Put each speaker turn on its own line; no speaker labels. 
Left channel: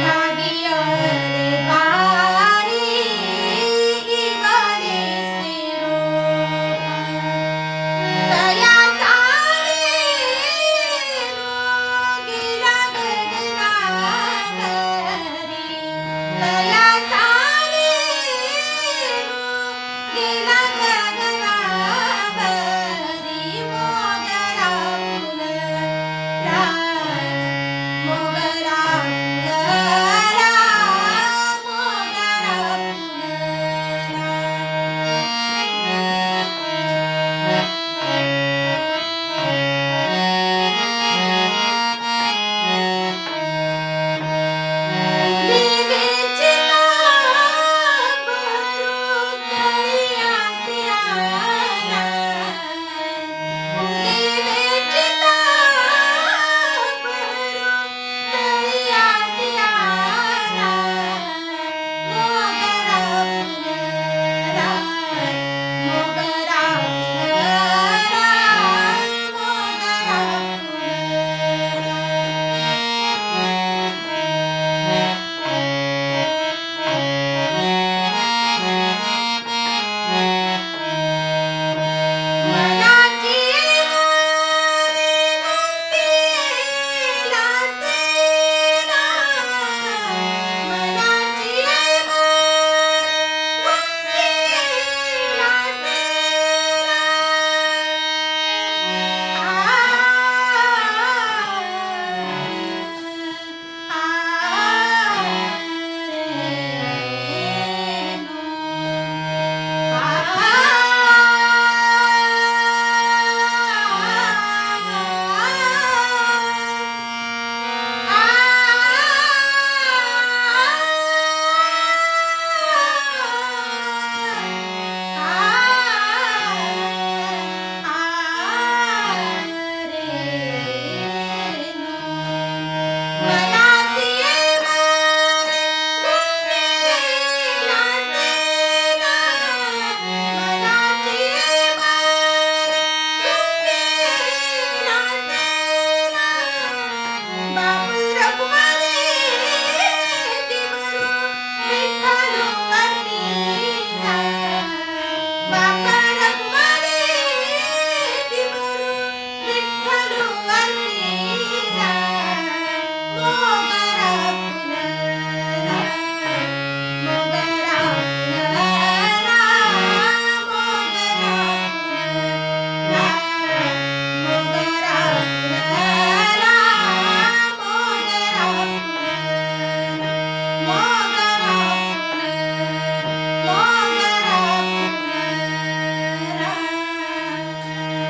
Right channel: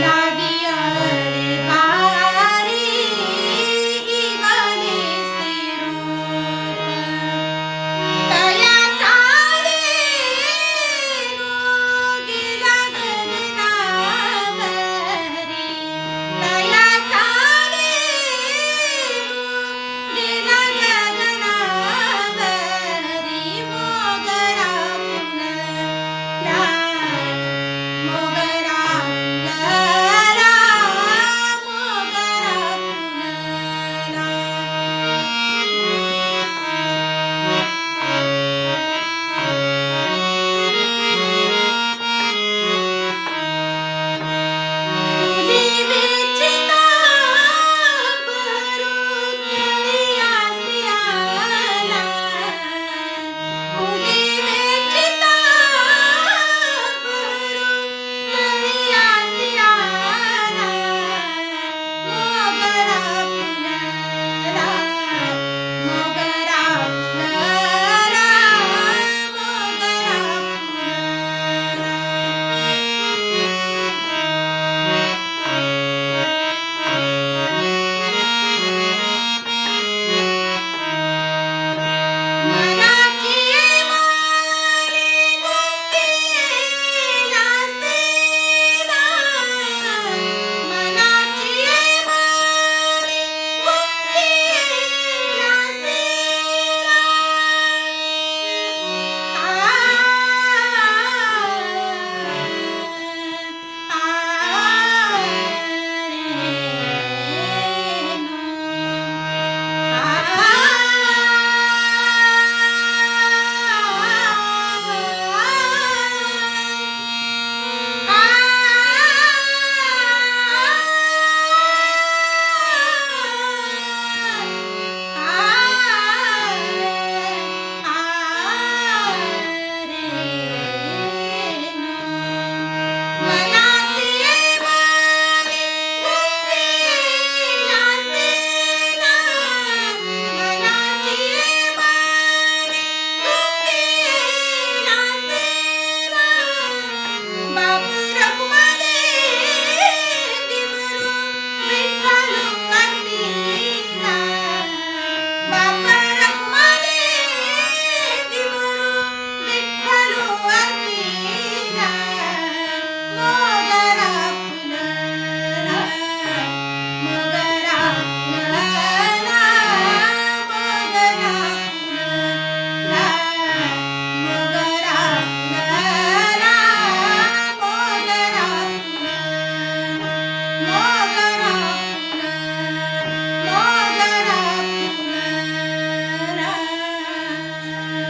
la 了。